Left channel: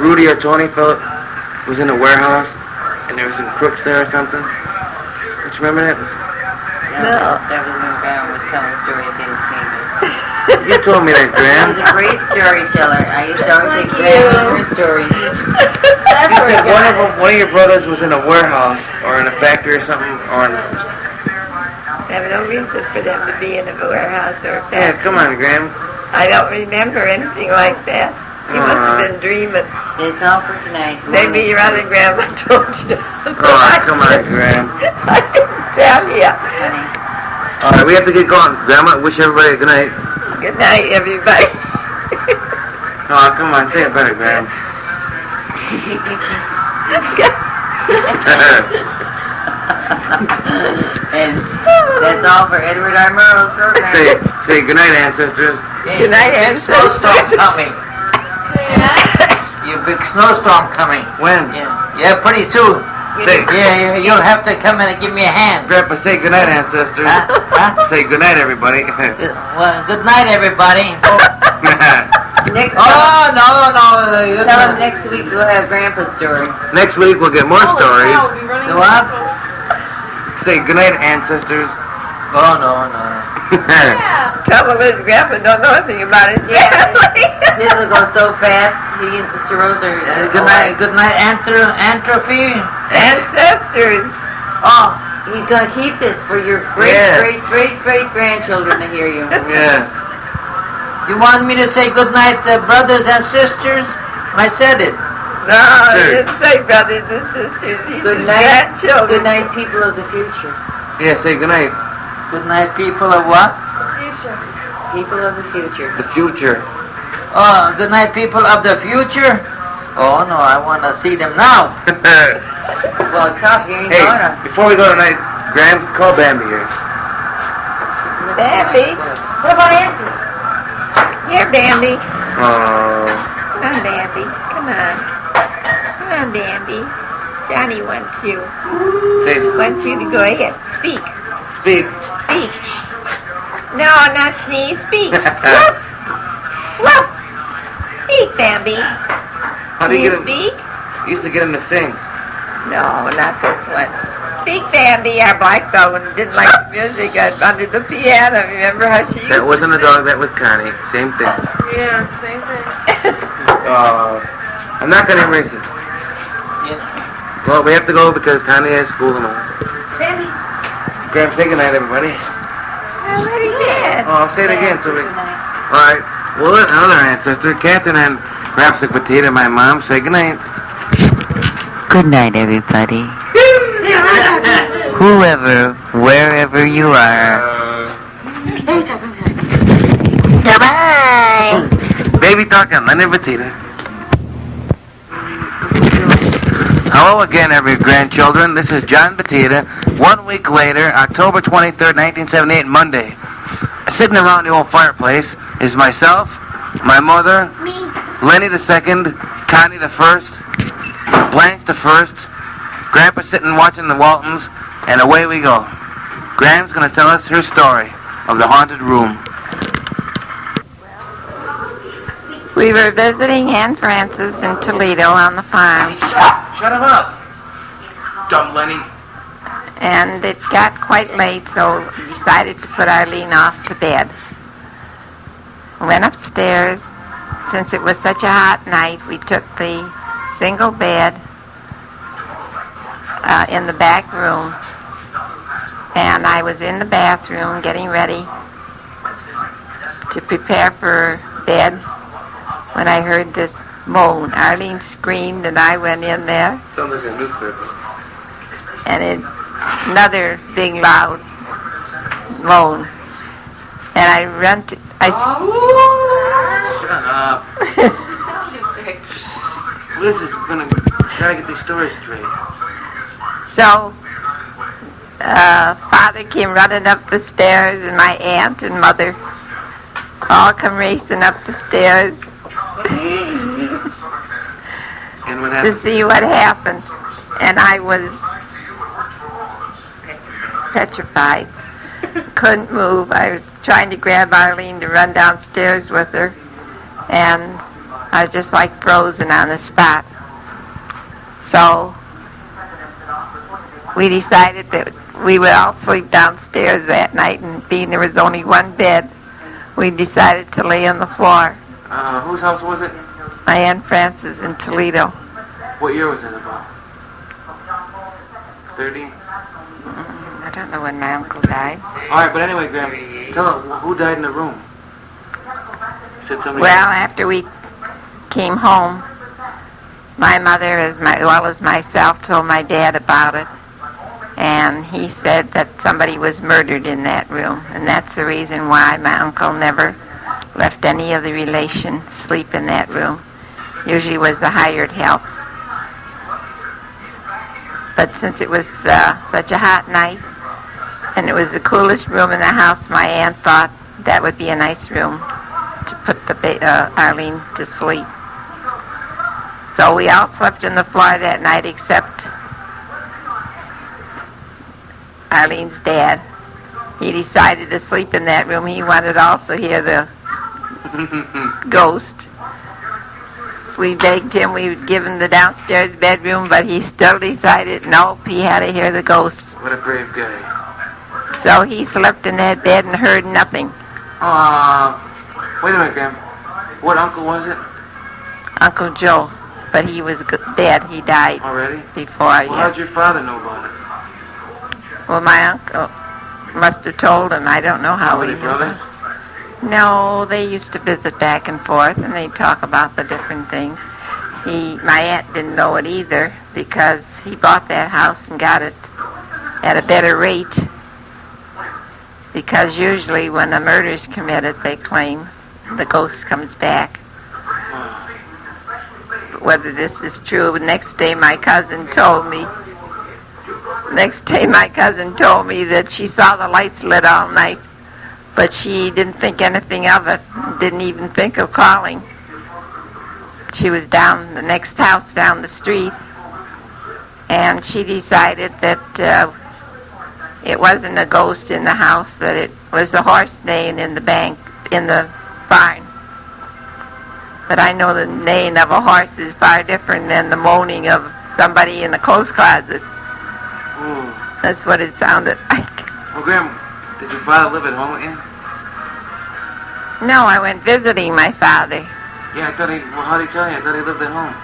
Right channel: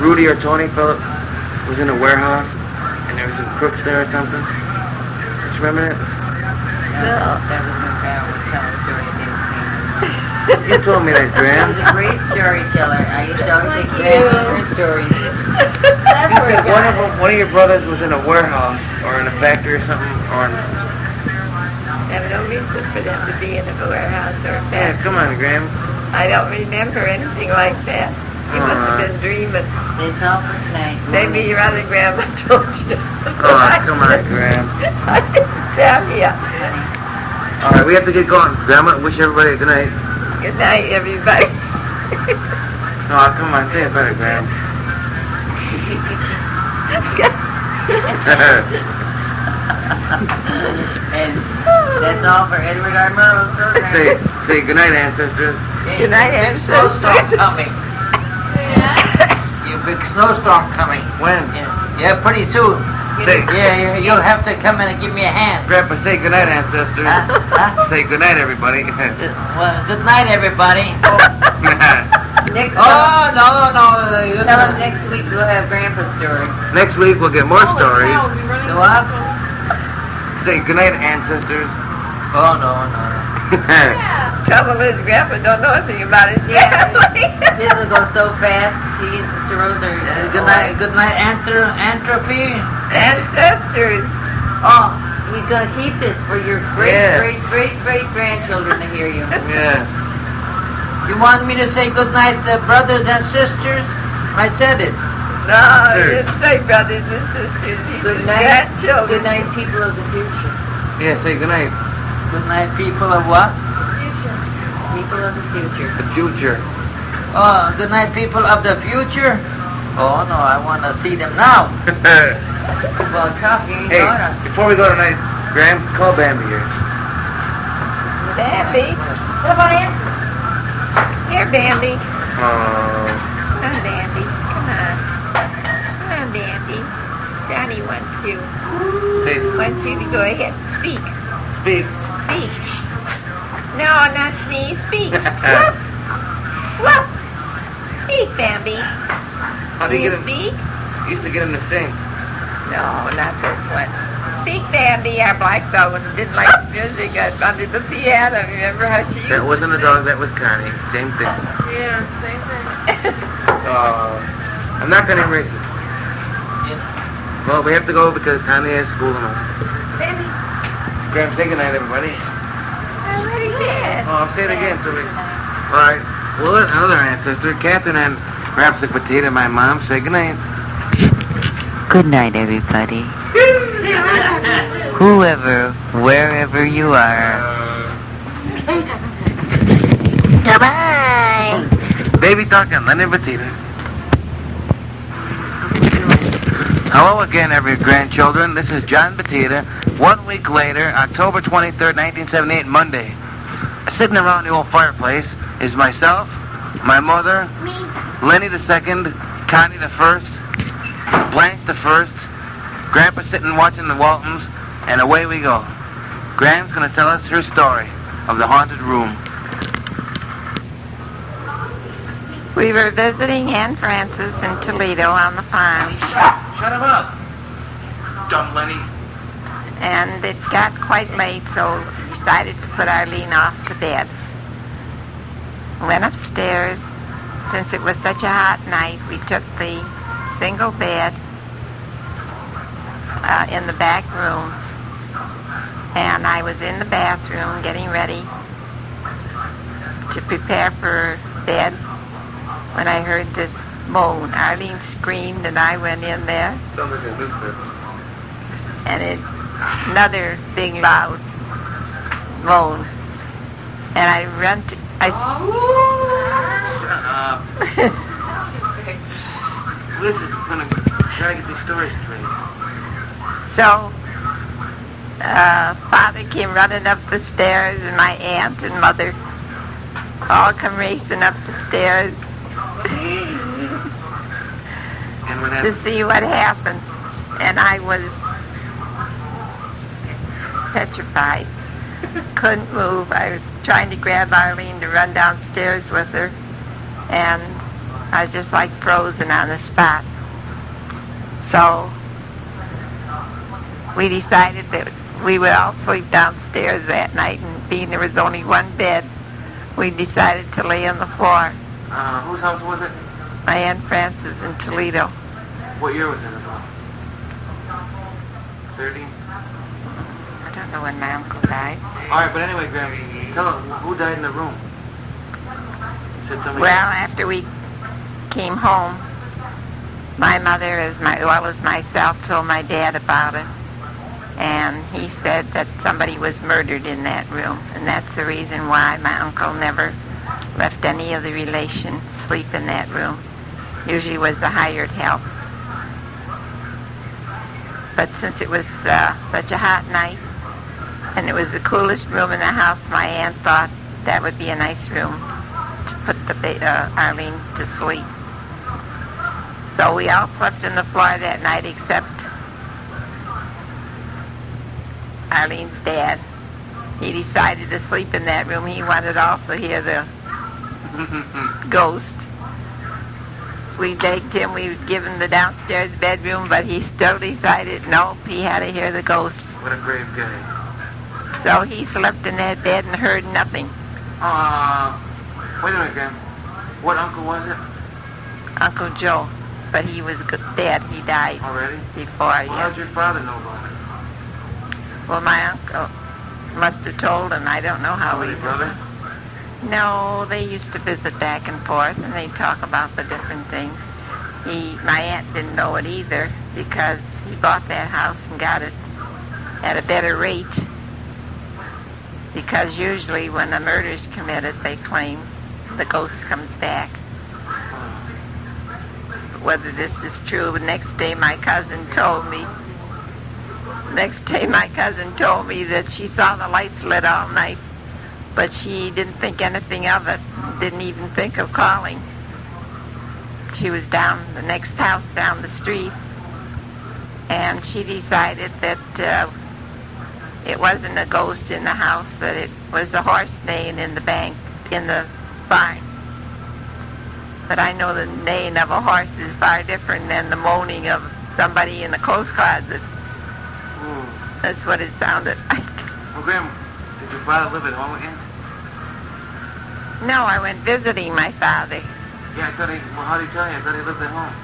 Rudy or Tony Phillip was in a warehouse and there was some crooks there or something? Don't you remember that? No. That was when Graham was telling a story at David Chambers. You told me that, Graham. He's a great storyteller. I used to always say Graham and her stories. You said one of your brothers was in a warehouse or in a factory or something, or in I have no reason for them to be in a warehouse or a factory. yeah, come on, Graham. I don't remember anything like that. You must have been dreaming. It's all for tonight. Maybe your other grandma told you. Oh, come on, Graham. I didn't tell you. All right, we have to get going. Grandma, wish everybody a good night. Good night, everybody. Oh, come on, say it better, Graham. And that's all for Edward R. Murrow's program. Say good night, ancestors. Good night, ancestors. Snowstorm coming. You big snowstorm coming. When? Yeah, pretty soon. Say, Yeah, you'll have to come in and give me a hand. Grandpa, say good night, ancestors. Huh? Say good night, everybody. Well, good night, everybody. Next Oh, no. tell him next week we'll have Grandpa's story. Next week we'll get more stories. The what? Say good night, ancestors. Oh, no. Trouble is, Grandpa don't know anything about his family. His will go so fast. He and Sister Rose are... Good night, Antrophy. Ancestors. Oh, He's going to keep this for your great grandchildren to hear you. Yeah. you want me to say good night, brothers and sisters? I said it. No, he didn't say brothers and sisters. He Good said night. grandchildren. Good night, people of the future. Yeah, say good night. Good night, people of what? People of the future. The future. Oh, good night, people of the future. Oh, no, I want to see them now. Well, tough, you ain't Hey, gonna. before we go tonight, Graham, call Bambi here. Bambi. What about Nancy? Here, Bambi. Oh. Come on, Bambi. Come on. Come on, Bambi. Johnny wants you. Say, Wants you to go ahead. Speak. speak. Speak. No, not sneeze. Speak. Woof. Woof. Speak, Bambi. How Do do you you get him? speak? You used to get him to sing. No, not this one. Speak, Bambi. Our black dog didn't like the music under the piano. Remember how she used That wasn't a dog, that was Connie. Same thing. Yeah, same thing. I'm not going to erase it. Well, we have to go because Connie has school tomorrow. Graham, say goodnight, everybody. I already did. Oh, I'll say it again. So we... All right. Well, another ancestor, Catherine and Rapsik Oct, my mom, say goodnight. Good night, everybody. Whoever, wherever you are. Bye-bye. Baby talk and Leonard Batita. Hello again, every grandchildren. This is John Batita. 1 week later, October 23rd, 1978, Monday. Sitting around the old fireplace is myself, my mother, Lenny the second, Connie the first, Blanche the first, Grandpa sitting watching the Waltons, and away we go. Graham's going to tell us her story of the haunted room. We were visiting Aunt Frances in Toledo on the farm, Shut him up, dumb Lenny. and it got quite late, so we decided to put Arlene off to bed. Went upstairs. Since it was such a hot night, we took the single bed in the back room, and I was in the bathroom getting ready to prepare for bed when I heard this moan. Arlene screamed, and I went in there, Sounds like a newspaper. and another big loud moan. And I run to, Shut up. Liz is gonna try to get these stories straight. So, Father came running up the stairs, and my aunt and mother all come racing up the stairs And what to happened? see what happened. And I was petrified. Couldn't move. I was trying to grab Arlene to run downstairs with her, and I was just like frozen on the spot. So we decided that we would all sleep downstairs that night, and being there was only one bed, we decided to lay on the floor. Whose house was it? My Aunt Frances in Toledo. What year was it about? 30? I don't know when my uncle died. All right, but anyway, Graham, tell her who died in the room. Said somebody. Well, after we came home, my mother, as well as myself, told my dad about it. And he said that somebody was murdered in that room. And that's the reason why my uncle never left any of the relations sleep in that room. Usually was the hired help. But since it was such a hot night, and it was the coolest room in the house, my aunt thought that would be a nice room to put Arlene to sleep. So we all slept on the floor that night except Arlene's dad. He decided to sleep in that room. He wanted to also hear the ghost. We begged him, we would give him the downstairs bedroom, but he still decided, nope, he had to hear the ghost. What a brave guy. So he slept in that bed and heard nothing. Wait a minute, Graham. What uncle was it? Uncle Joe, but he was dead. He died Already? before. Well, how'd your father know about it? Well, my uncle must have told him. I don't know how he Your brothers? No, they used to visit back and forth, and they'd talk about the different things. My aunt didn't know it either because he bought that house and got it at a better rate. Because usually when a murder's committed, they claim the ghost comes back. But whether this is true, next day my cousin told me that she saw the lights lit all night, but she didn't think anything of it, didn't even think of calling. She was down the next house down the street, and she decided that it wasn't a ghost in the house, that it was the horse neighing in the barn. But I know the neighing of a horse is far different than the moaning of somebody in the clothes closet. Ooh. That's what it sounded like. Well, Graham, did your father live at home with you? No, I went visiting my father. Yeah, I thought well, how'd he tell you? I thought he lived at home.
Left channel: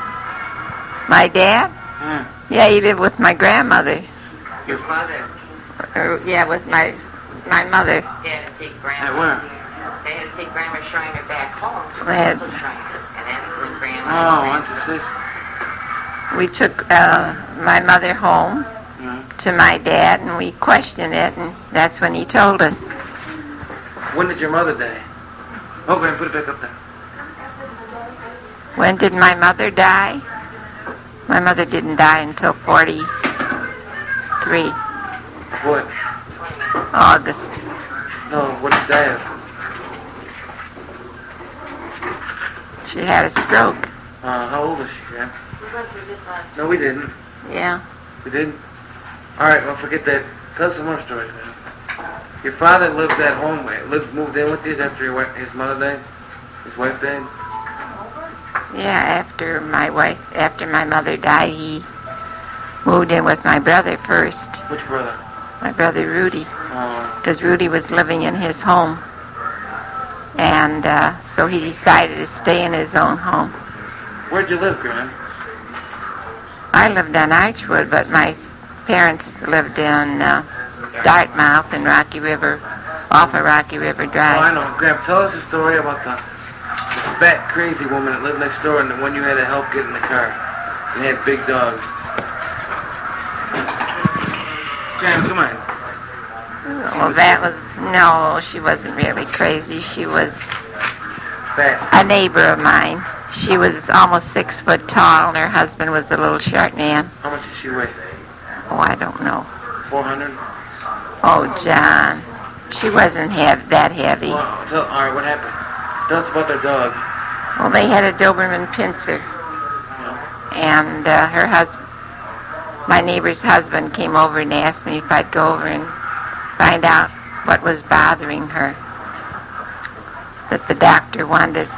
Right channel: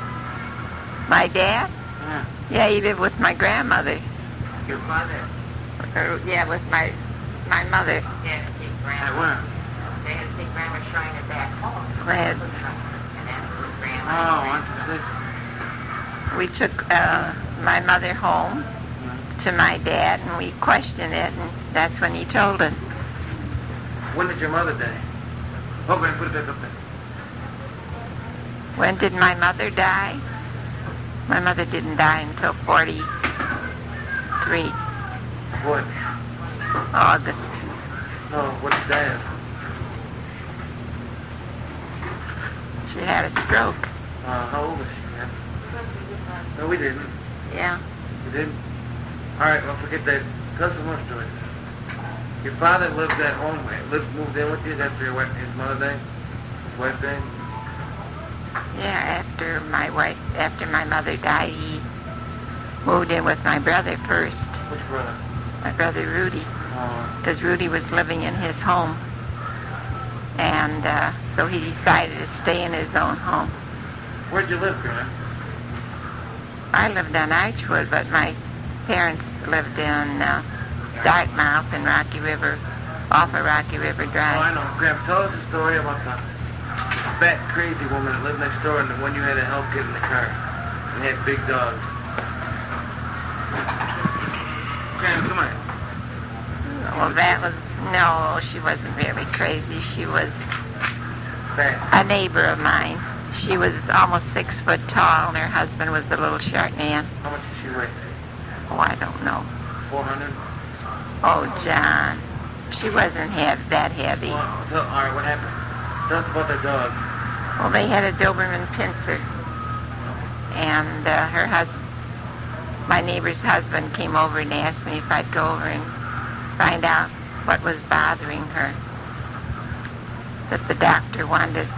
My dad? Yeah. Yeah, he lived with my grandmother. Your father? Yeah, with my mother. They had to take At Grandma. where? They had to take Grandma Schreiner back home to We had- Uncle Schreiner. And then for Grandma. Oh, what's your sister? We took my mother home to my dad, and we questioned it, and that's when he told us. When did your mother die? Oh, Graham, put it back up there. When did my mother die? My mother didn't die until 43, What? August. No, what did she die of? She had a stroke. How old was she, Graham? No, we didn't. Yeah. We didn't? All right, well, forget that. Tell us some more stories, man. Your father lived at home, moved in with you after his mother died? His wife died? Yeah, after my mother died, he moved in with my brother first, Which brother? my brother Rudy, Oh, because Rudy was living in his home. And so he decided to stay in his own home. where'd you live, Graham? I lived on Archwood, but my parents lived in Dartmouth and Rocky River, off of Rocky River Oh, I Drive. know. Graham, tell us a story about the fat, crazy woman that lived next door and the one you had to help get in the car. And they had big dogs. Graham, come on. Well, no, she wasn't really crazy. She was Fat. a neighbor of mine. She was almost 6 foot tall, and her husband was a little short man. How much did she weigh? Oh, I don't know. 400? Oh, John, she wasn't that heavy. Well, all right, what happened? Tell us about their dog. Well, they had a Doberman Pinscher, and her husband, my neighbor's husband, came over and asked me if I'd go over and find out what was bothering her. That the doctor wanted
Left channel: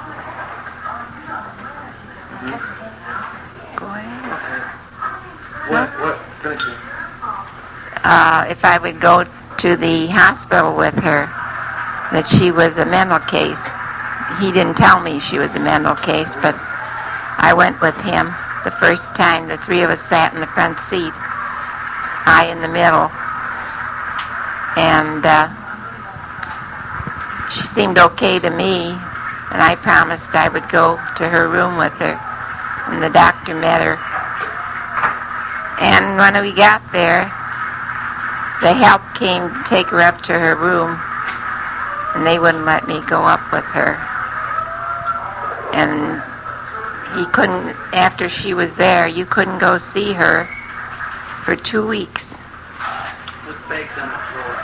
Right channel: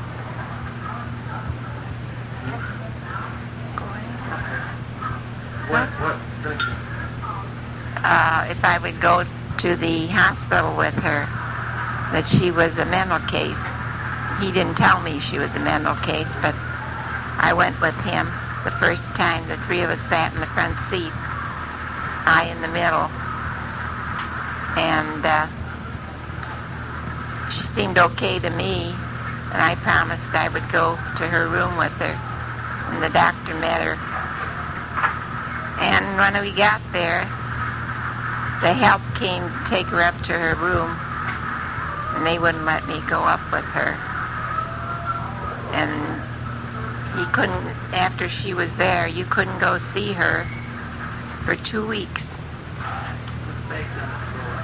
if I would go to the hospital with her, that she was a mental case. He didn't tell me she was a mental case, but I went with him the first time. The three of us sat in the front seat, I in the middle, and she seemed okay to me, and I promised I would go to her room with her, and the doctor met her. And when we got there, the help came to take her up to her room, and they wouldn't let me go up with her. And he couldn't, after she was there, you couldn't go see her for 2 weeks. Put bags on the floor.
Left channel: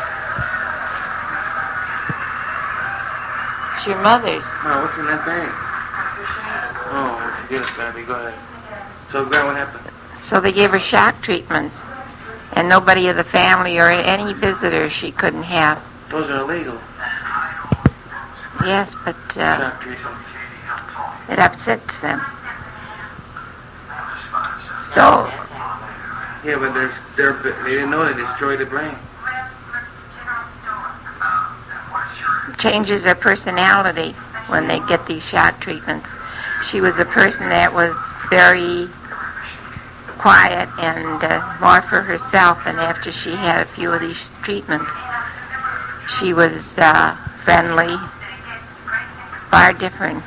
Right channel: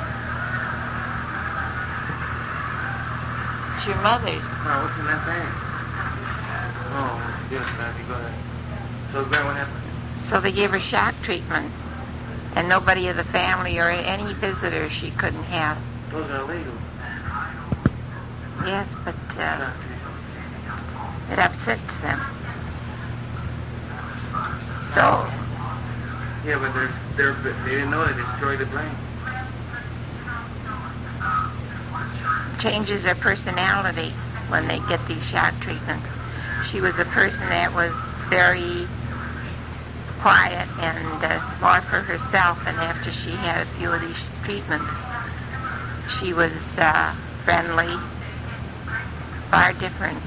It's your mother's. No, what's in that bag? Oh, forget it, baby. Go ahead. So, Grant, what happened? So they gave her shock treatment, and nobody of the family or any visitors she couldn't have. Those are illegal. Yes, but Shock treatment. it upsets them. So Yeah, but they didn't know they destroyed the brain. changes their personality when they get these shock treatments. She was a person that was very quiet and more for herself, and after she had a few of these treatments, she was friendly, far different.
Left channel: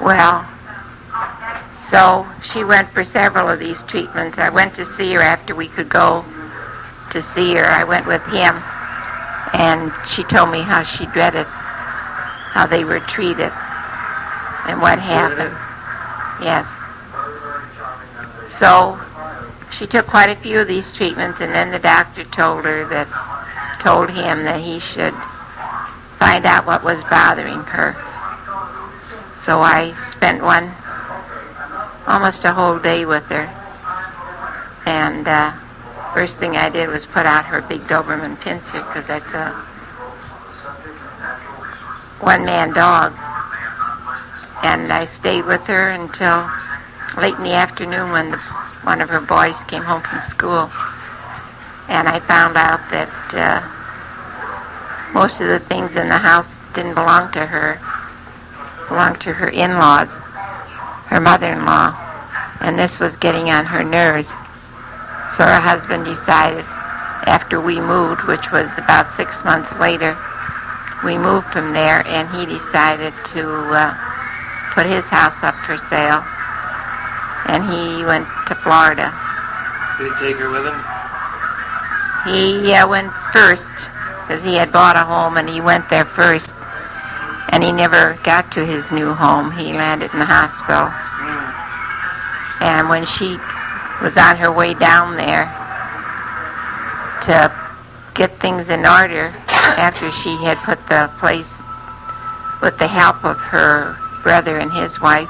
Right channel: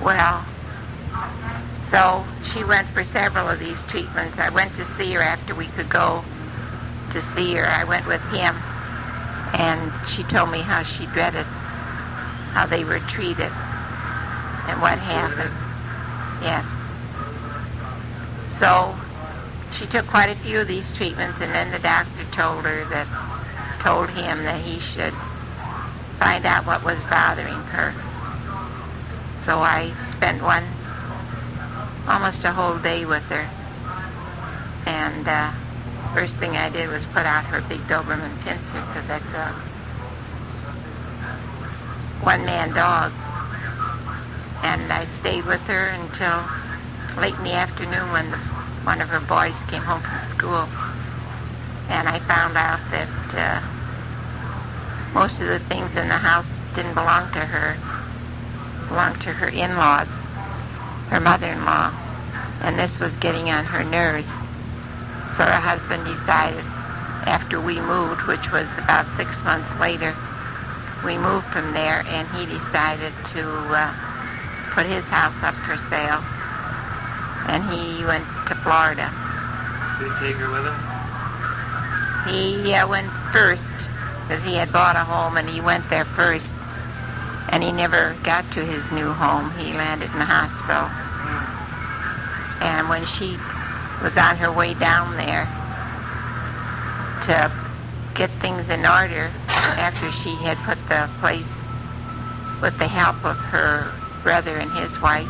Well, so she went for several of these treatments. I went to see her after we could go to see her. I went with him, and she told me how she dreaded how they were treated and what happened. Yes. So she took quite a few of these treatments, and then the doctor told him that he should find out what was bothering her. So I spent almost a whole day with her, and first thing I did was put out her big Doberman pincer, because that's a one-man dog. And I stayed with her until late in the afternoon when one of her boys came home from school. And I found out that most of the things in the house didn't belong to her, belonged to her in-laws, her mother-in-law. And this was getting on her nerves. So her husband decided, after we moved, which was about 6 months later, we moved from there, and he decided to put his house up for sale. And he went to Florida. Did he take her with him? He went first, because he had bought a home, and he went there first. And he never got to his new home. He landed in the hospital. And when she was on her way down there to get things in order, after she had put the place, with the help of her brother and his wife,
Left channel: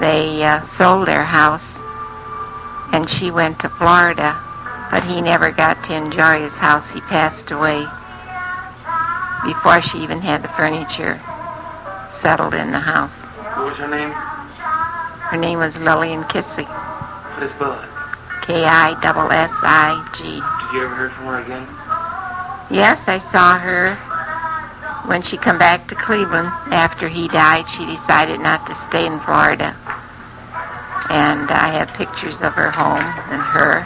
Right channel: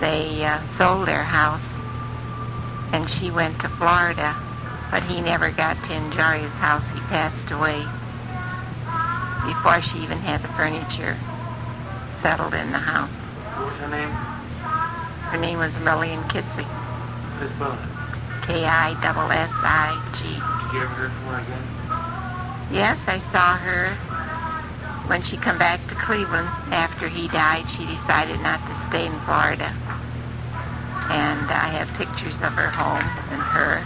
they sold their house, and she went to Florida, but he never got to enjoy his house. He passed away before she even had the furniture settled in the house. What was her name? Her name was Lillian Kissig, What is spell it? Kissig. Did you ever hear from her again? Yes, I saw her when she come back to Cleveland after he died. She decided not to stay in Florida. And I have pictures of her home and her.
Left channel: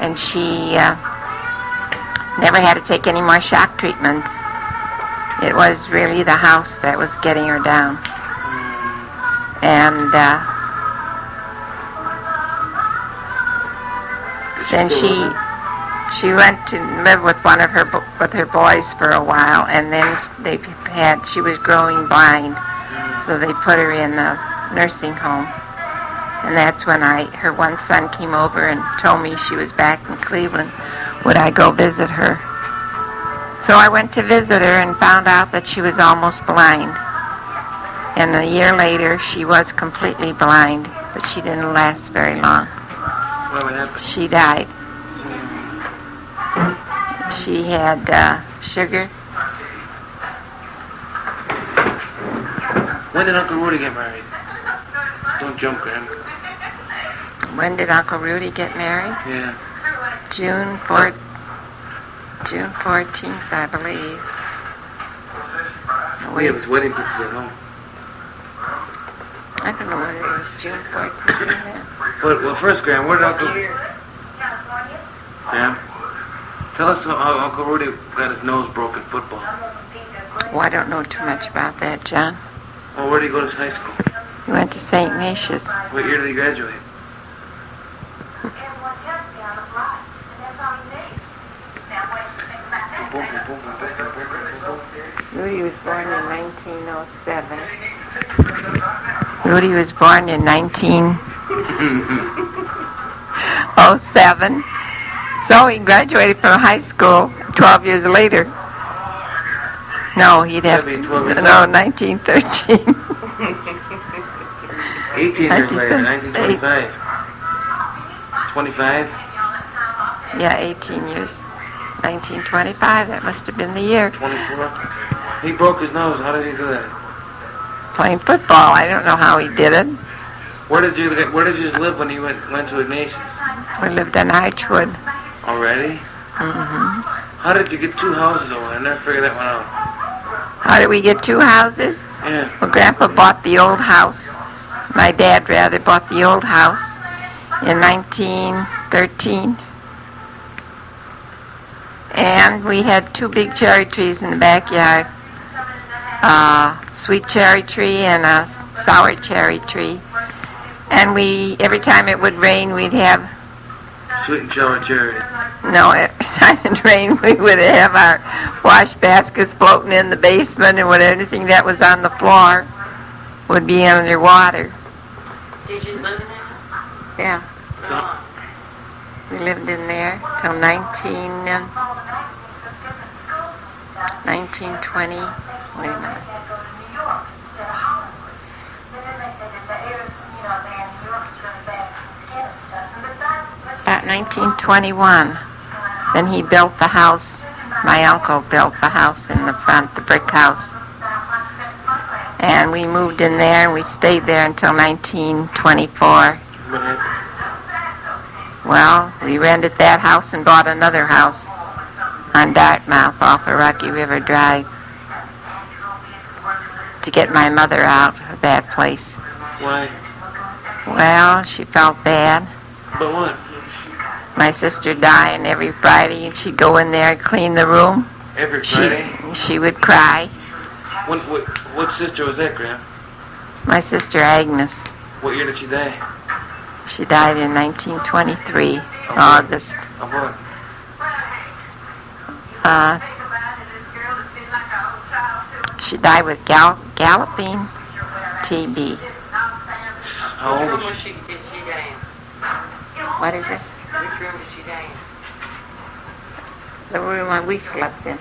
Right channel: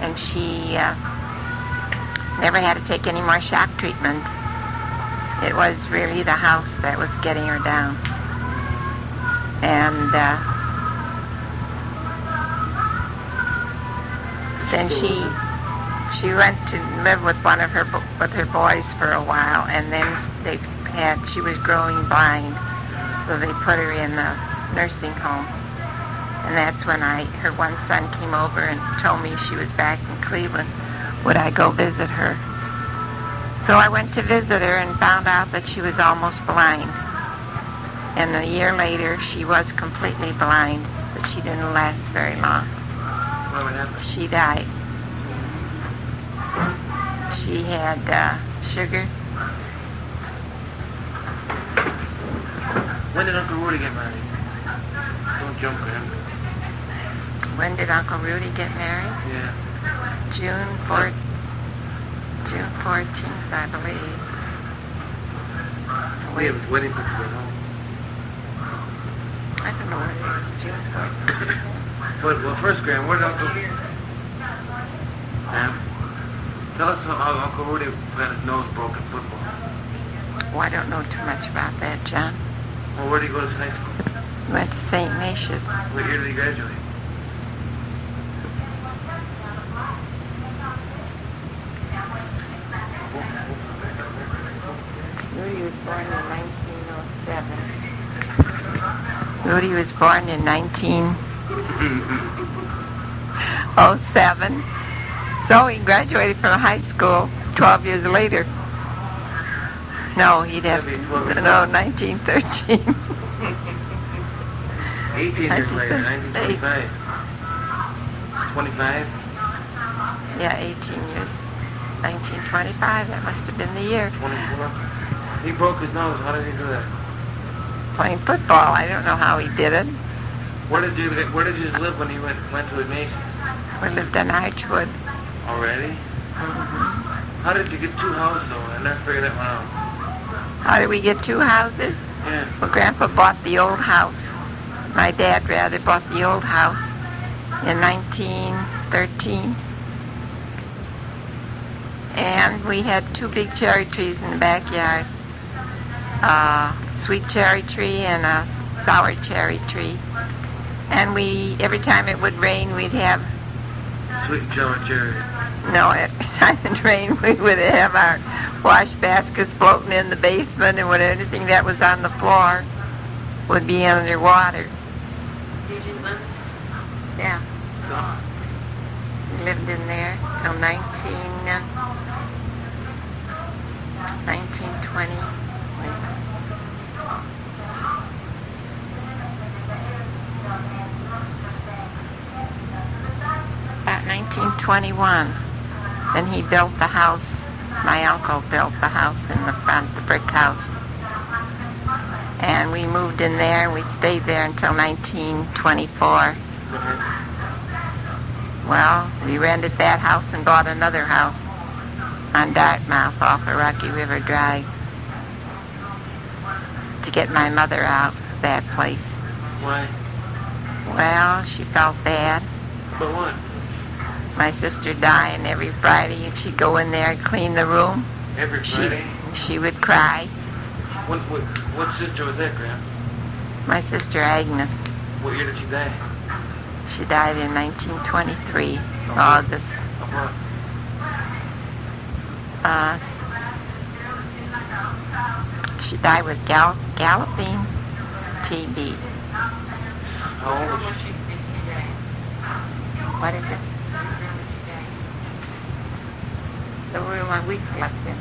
And she never had to take any more shock treatments. It was really the house that was getting her down. And then she went to live with with her boys for a while, and then she was growing blind, so they put her in a nursing home. And that's when her one son came over and told me she was back in Cleveland. Would I go visit her? So I went to visit her and found out that she was almost blind. And a year later, she was completely blind, but she didn't last very long. What happened? She died. She had sugar. When did Uncle Rudy get married? Don't jump, Graham. When did Uncle Rudy get married? Yeah. June 14th, I believe. We have his wedding pictures at home. I don't know whether it was June 14th. Well, first, Graham, where did Uncle... Graham, tell us how Uncle Rudy got his nose broken in football. Oh, I don't know too much about that, John. Well, where did he go to high school? He went to St. Ignatius. What year did he graduate? Rudy was born in 1907. Rudy was born in 1907. So he graduated from high school 12 years later. No, he'd have... That'd be 12 years No, later. 1913. 18 years later, 1925. 1925. 25? Yeah, 18 years. 1925, that must have been the year. 24? He broke his nose. How did he do that? Playing football. I don't know how he did it. Where did you live when you went to Ignatius? We lived in Archwood. Already? Mm-hmm. How did you get two houses over? I never figured that one out. How did we get two houses? Yeah. Well, Grandpa bought the old house. My dad, rather, bought the old house in 1913. And we had two big cherry trees in the backyard. A sweet cherry tree and a sour cherry tree. And every time it would rain, we'd have... Sweet and sour cherry. No, every time it rained, we would have our wash baskets floating in the basement, and anything that was on the floor would be underwater. Did you live in Yeah. So, We lived in there till 1920. Wait a minute. About 1921. Then he built the house. My uncle built the house in the front, the brick house. And we moved in there, and we stayed there until 1924. Well, we rented that house and bought another house on Dartmouth off of Rocky River Drive to get my mother out of that place. why? Well, she felt bad. But what? My sister dying every Friday, and she'd go in there and clean the room. Every Friday? She would cry. What sister was that, Graham? My sister Agnes. What year did she die? She died in 1923, what? August. Of what? She died with galloping TB. How old was she? Did she die? What is it? Which room did she die The room we slept in.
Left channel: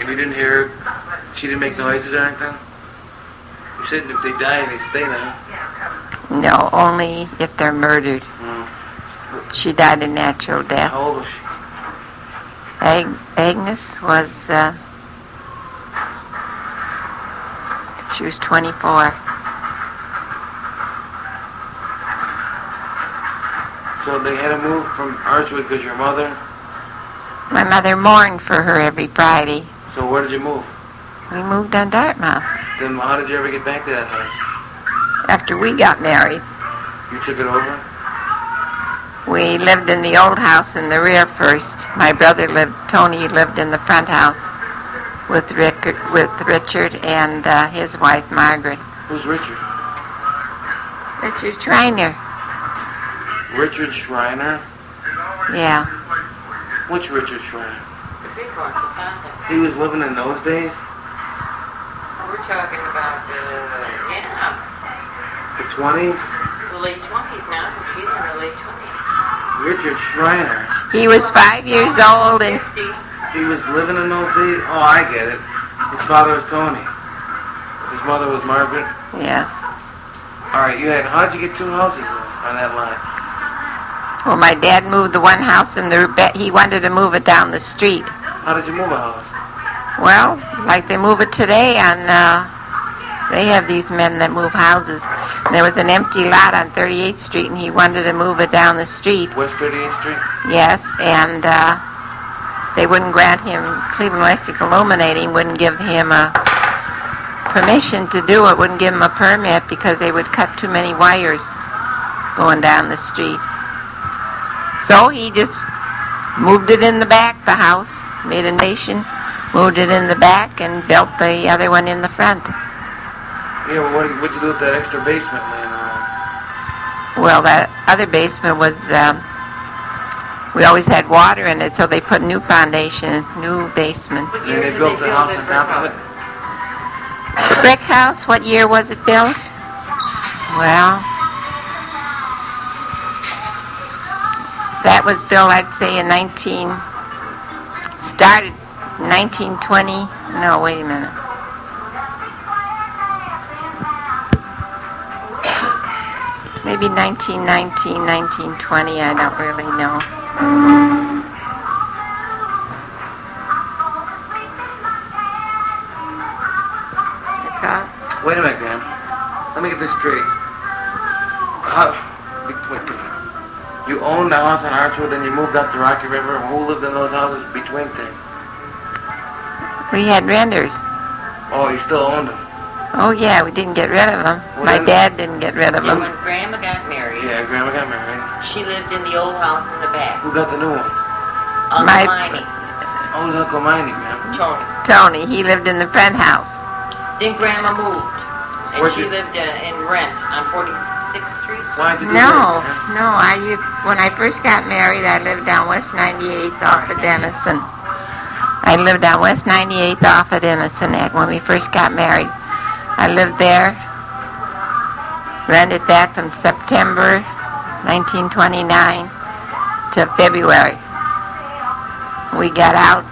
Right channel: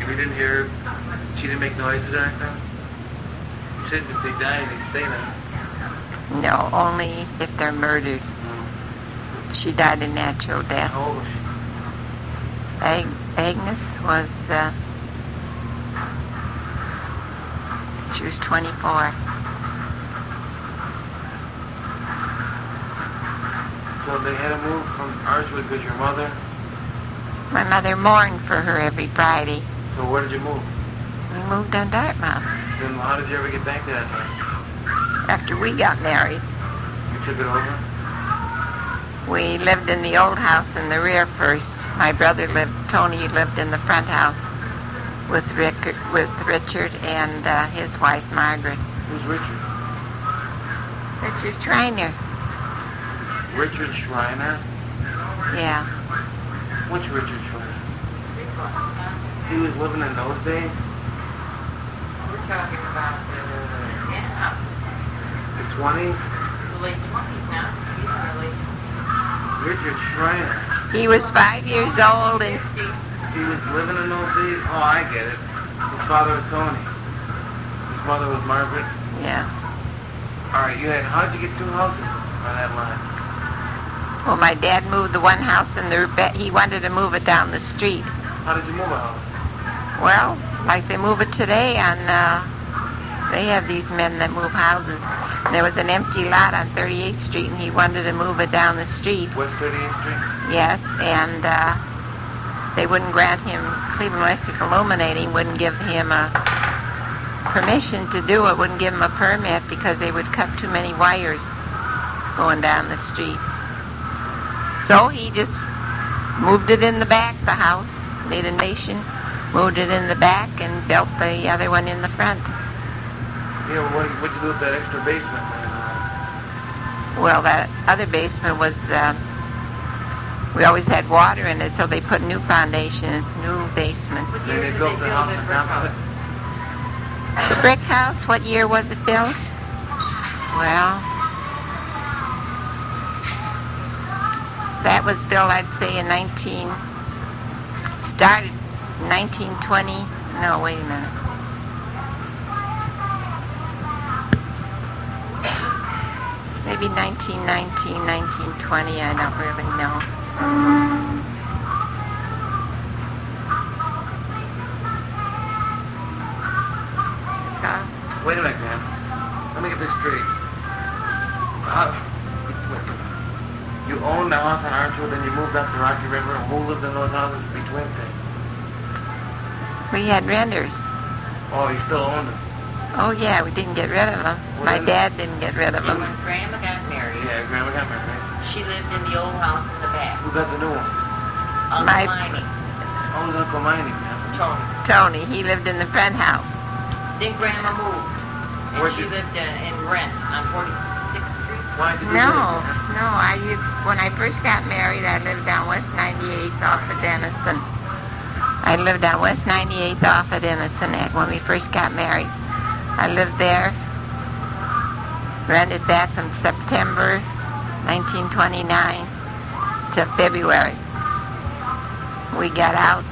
You didn't hear her? She didn't make noises or anything? You said if they die, they stay there. No, only if they're murdered. She died a natural death. How old was she? Agnes was, she was 24. So they had to move from Archwood because your mother... My mother mourned for her every Friday. So where did you move? We moved on Dartmouth Then how did you ever get back to that house? after we got married. You took it over? We lived in the old house in the rear first. My brother Tony lived in the front house with Richard and his wife Margaret. Who's Richard? Richard Schreiner. Richard Schreiner? Yeah. Which Richard Schreiner? The big one, the contact. He was living in those days? We're talking about the 20s? late 20s now. She's in her late 20s. Richard Schreiner. He was 5 years old and 50. He was living in those days? Oh, I get it. His father was Tony. His mother was Margaret. yes. All right, how'd you get two houses on that line? Well, my dad moved the one house and he wanted to move it down the street. How did you move a house? Well, like they move it today, and they have these men that move houses. There was an empty lot on 38th Street, and he wanted to move it down the street. West 38th Street? Yes, and they wouldn't grant him, Cleveland Electric Illuminating wouldn't give him a permission to do it, wouldn't give him a permit because they would cut too many wires going down the street. So he just moved it in the back, the house, made a nation, moved it in the back, and built the other one in the front. Yeah, well, what'd you do with that extra basement, man? Well, that other basement was, we always had water in it, so they put new foundation, new basement. What Yeah, year they did built the house it on for top of it. Brick house, what year was it built? Well, that was built, I'd say, in 1920, no, wait a minute. Maybe 1919, 1920, I don't really know. Wait a minute, man. Let me get this straight. You owned the house on Archwood, then you moved up to Rocky River. Who lived in those houses between things? We had renters. Oh, you still owned them? Oh yeah, we didn't get rid of them. Well, My then- dad didn't get rid of When them. Grandma got married, Yeah, Grandma got married. she lived in the old house in the back. Who got the new one? Uncle My- Miney, Oh, it was Uncle Miney, man. Tony. Tony, he lived in the front house. Then Grandma moved, and Where'd she you- lived in rent on 46th Street. Why did you do No, that? no, when I first got married, I lived on West 98th off of Denison. I lived on West 98th off of Denison when we first got married. I lived there, rented that from September 1929 to February. We got out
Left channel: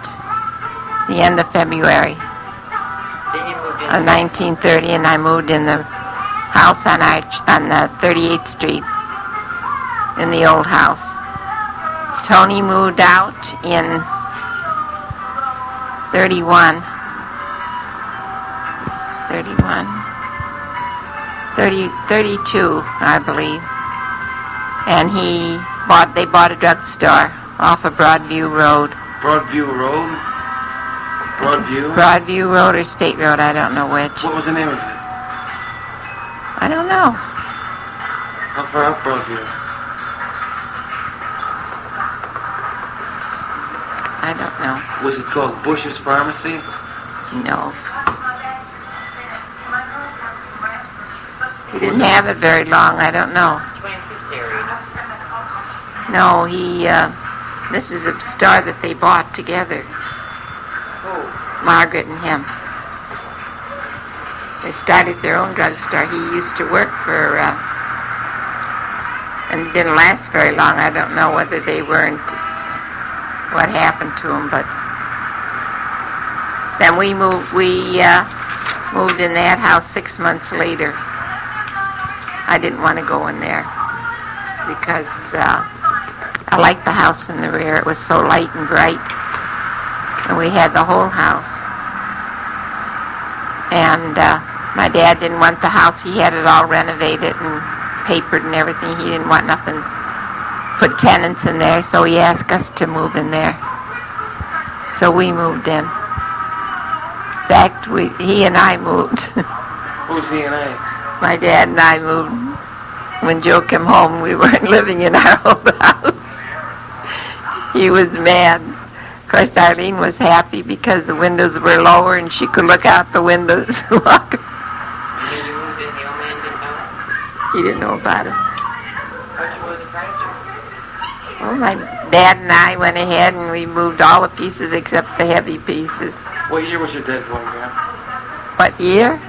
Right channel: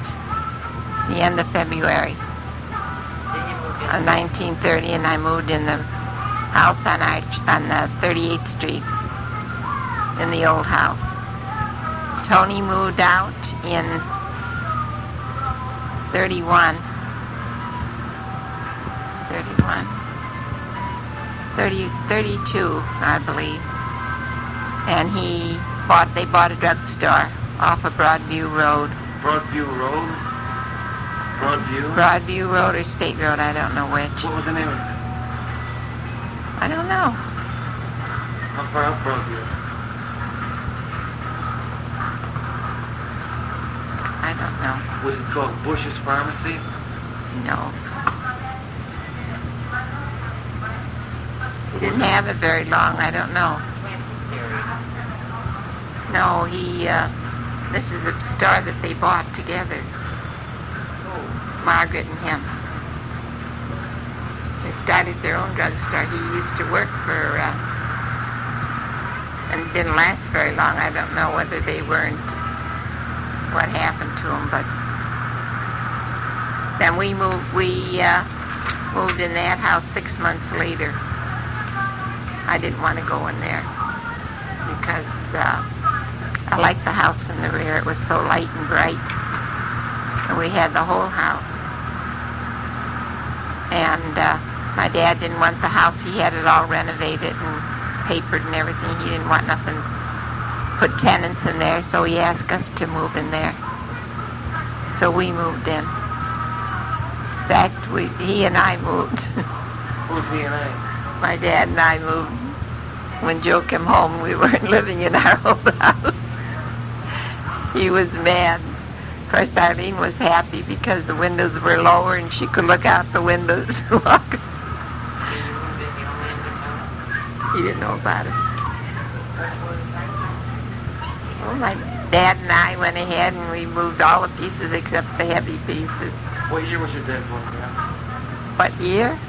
the end of February Then you moved in. of 1930, and I moved in the house on 38th Street, in the old house. Tony moved out in 31, 32, I believe. And they bought a drugstore off of Broadview Road. Broadview Road? Broadview? Broadview Road or State Road, I don't know which. What was the name of it? I don't know. How far up Broadview? I don't know. Was it called Bush's Pharmacy? No. He didn't have it very long, I don't know. 26th area. No, this is a store that they bought together, Oh, Margaret and him. They started their own drugstore. He used to work for, and it didn't last very long. I don't know whether they weren't, what happened to him, but then we moved in that house 6 months later. I didn't want to go in there because I liked the house in the rear. It was so light and bright. And we had the whole house. And my dad didn't want the house. He had it all renovated and papered and everything. He didn't want nothing, put tenants in there, so he asked us to move in there. So we moved in. In fact, he and I moved. Who's he and I? My dad and I moved. When Joe came home, we weren't living in our old house. He was mad. Of course, Eileen was happy because the windows were lower and she could look out the windows. and then you moved in, the old man didn't know. He didn't know about it. What was it like? Well, my dad and I went ahead and we moved all the pieces except the heavy pieces. What year was your dad born, man? What year?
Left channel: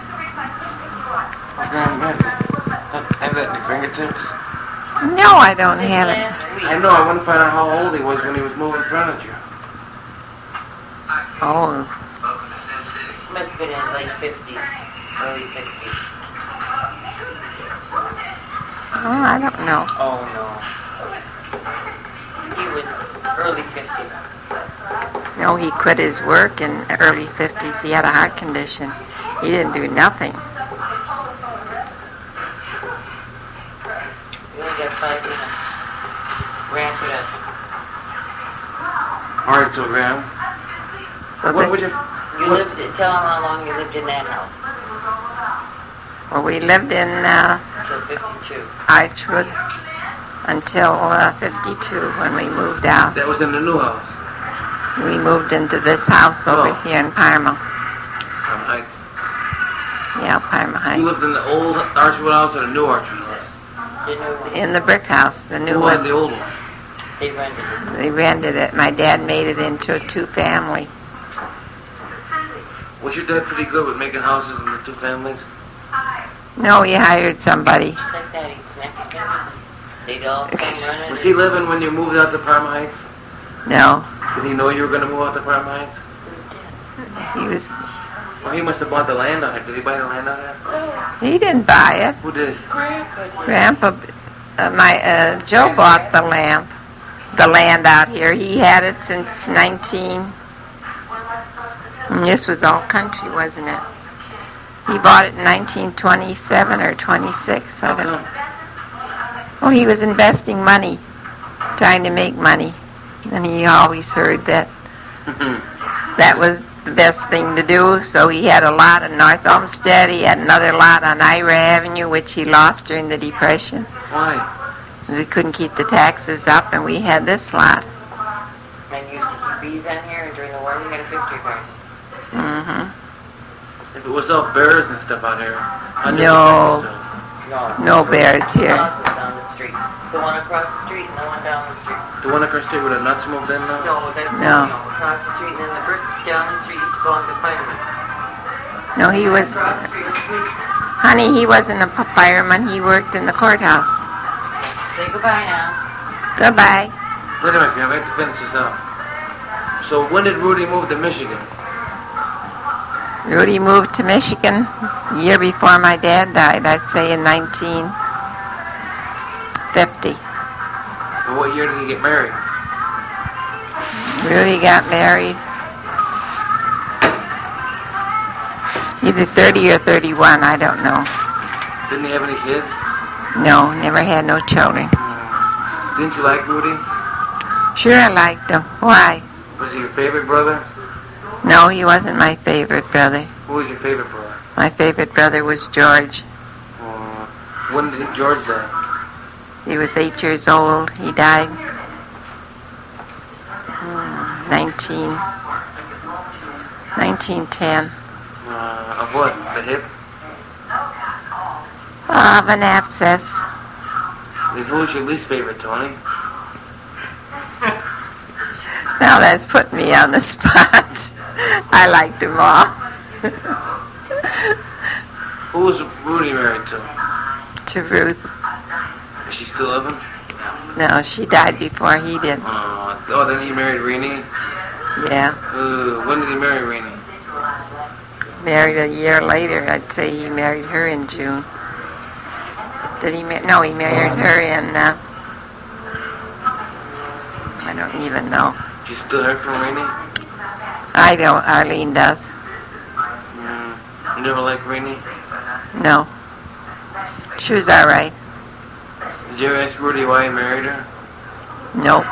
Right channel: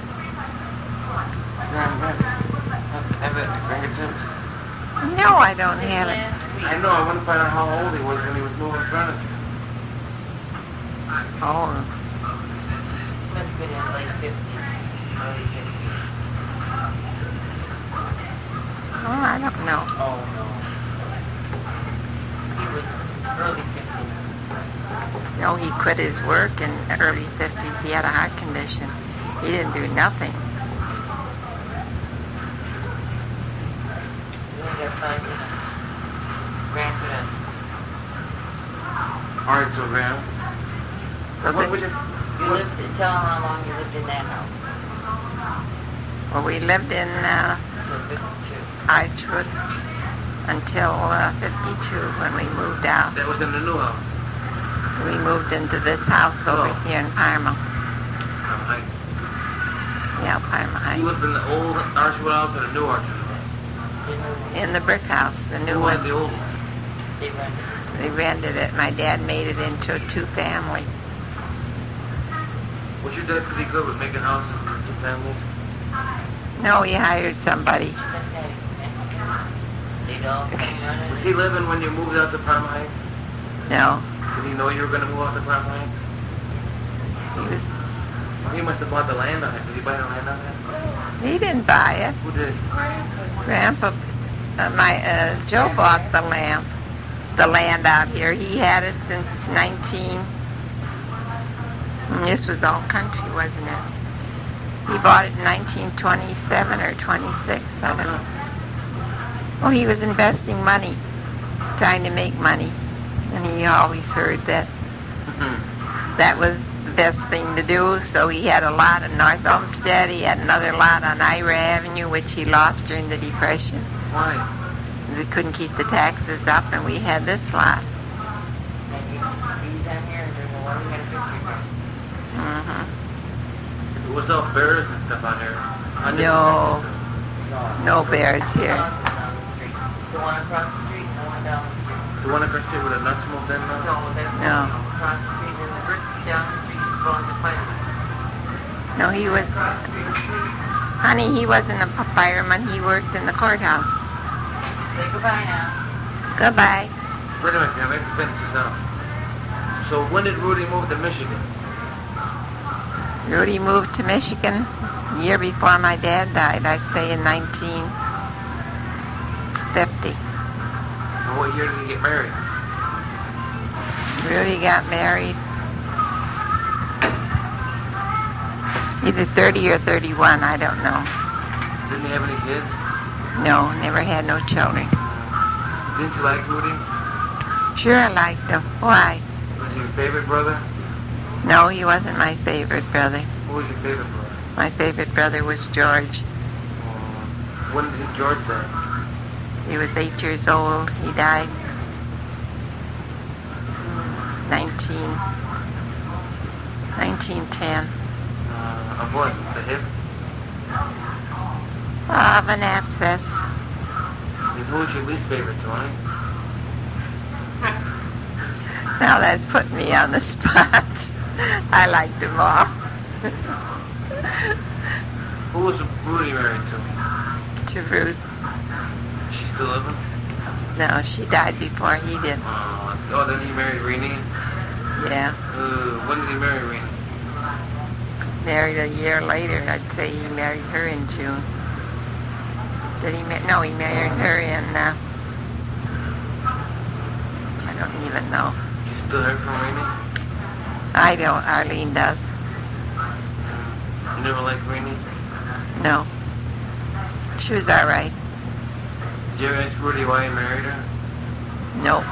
I can't remember. Have that in your fingertips? No, I don't have it. Last week. I know, I want to find out how old he was when he was moving furniture. Oh, Must have been in the late 50s, early 60s. oh, I don't know. Oh, no. He was early 50s. No, he quit his work in the early 50s. He had a heart condition. He didn't do nothing. 5 a.m. Ramp it up. All right, so Graham. So What would this, you? You lived, tell them how long you lived in that house. well, we lived in Till 52. Archwood until 52 when we moved out. That was in the new house. We moved into this house over Oh. here in Parma. I, Yeah, Parma you Heights. lived in the old Archwood house or the new Archwood house? They moved In the brick house, the new Who had one. the old one? They rented it. We rented it. My dad made it into a two-family. Was your dad pretty good with making houses in the two families? No, he hired somebody. Just like that, he's Mexican. They'd all come running. Was he living when you moved out to Parma Heights? No, Did he know you were going to move out to Parma Heights? he was. Well, he must have bought the land on it. Did he buy the land on it? He didn't buy it. Who did? Grandpa, Joe bought the land out here. He had it since 19. And this was all country, wasn't it? He bought it in 1927 or 26. I How don't know. come? Well, he was investing money, trying to make money, and he always heard that that was the best thing to do. So he had a lot in North Olmsted. He had another lot on Ira Avenue, which he lost during the Depression. Why? We couldn't keep the taxes up, and we had this lot. And used to bees on here, and during the war, we got a victory party. Hmm. If it was all bears and stuff out here. I knew No. it. No bears here. House was down the street. The one across the street and the one down the street. The one across the street with the nuts moved in now? No, that's No. across the street, and then the brick down the street used to belong to firemen. No, he was, Across the street was police. honey, he wasn't a fireman. He worked in the courthouse. Say goodbye now. Goodbye. Wait a minute, Graham. I have to finish this up. So when did Rudy move to Michigan? Rudy moved to Michigan a year before my dad died, I'd say in 1950. And what year did he get married? Rudy got married either 30 or 31, I don't know. Didn't he have any kids? No, never had no children. Didn't you like Rudy? Sure, I liked him. Why? Was he your favorite brother? No, he wasn't my favorite brother. Who was your favorite brother? My favorite brother was George. When did George die? He was 8 years old. He died 1910. Of what? The hip? Of an abscess. And who was your least favorite, Tony? Now that's putting me on the spot. I liked them all. Who was Rudy married to? To Ruth. Is she still living? No, she died before he did. Oh, then he married Renee? Yeah. When did he marry Renee? Married a year later. I'd say he married her in June. Did he? No, he married her in. I don't even know. She still heard from Renee? I don't. Arlene does. You never liked Renee? No. She was all right. Did you ever ask Rudy why he married her? Nope.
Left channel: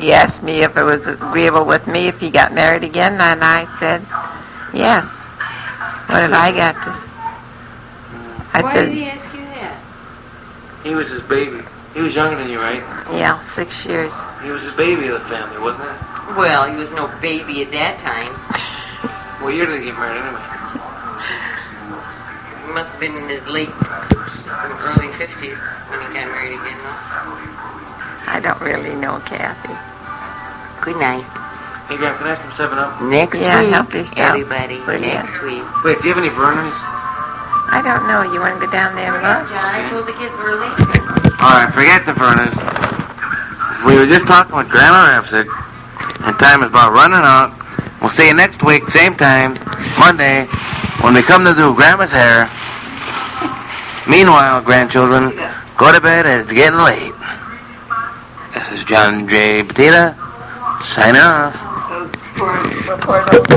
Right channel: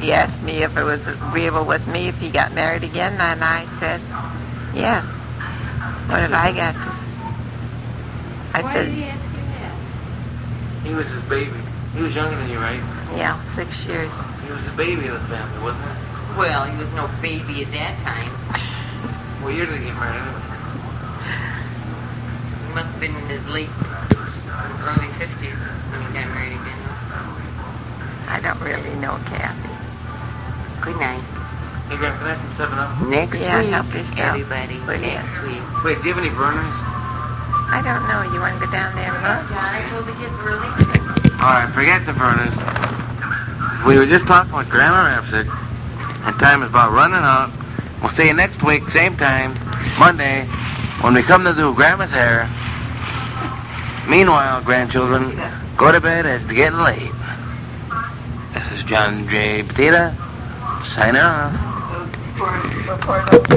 He asked me if it was agreeable with me if he got married again, and I said, yes. What have I got to... I Why said, did he ask you that? He was his baby. He was younger than you, right? yeah, 6 years. He was his baby of the family, wasn't he? Well, he was no baby at that time. What year did he get married anyway? He must have been in his late, early 50s when he got married again. I don't really know Kathy. Good night. Hey, Graham, can I have some 7-Up? Next Yeah, week, help yourself. everybody. Will ya? Next week. Wait, do you have any burners? I don't know. You want to go down there and Yeah, look? John, I told the kids early. All right, forget the burners. We were just talking with Grandma Rapsik. Our time is about running out. We'll see you next week, same time, Monday, when we come to do Grandma's hair. Meanwhile, grandchildren, go to bed. It's getting late. This is John J. Petita, signing off. Report about